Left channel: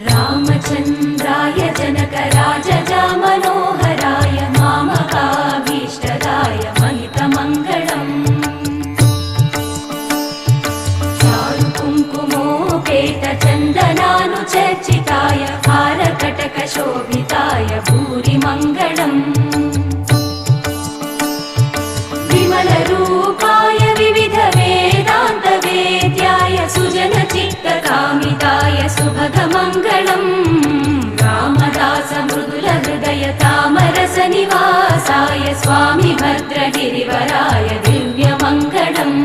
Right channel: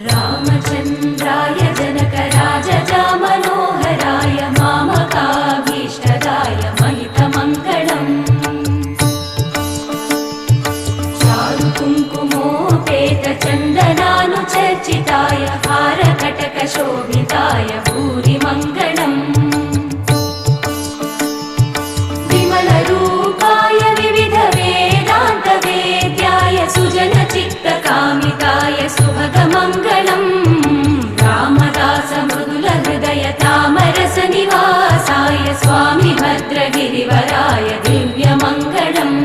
रामचन्द्राय जनकराजजामनोहराय मामकाभीष्टदाय महितमङ्गलम् चारुकुङ्कुमोपेतचन्दनानुचर्चिताय हारकटकशोभिताय भूरिमङ्गलम् विमलरूपाय विविधवेदान्तवेद्याय सुजनचित्तकामिताय सुभगमङ्गलम् रामदासमृदुलहृदय तामरसनिवासाय स्वामि भद्रगिरिवराय दिव्यमङ्गलम्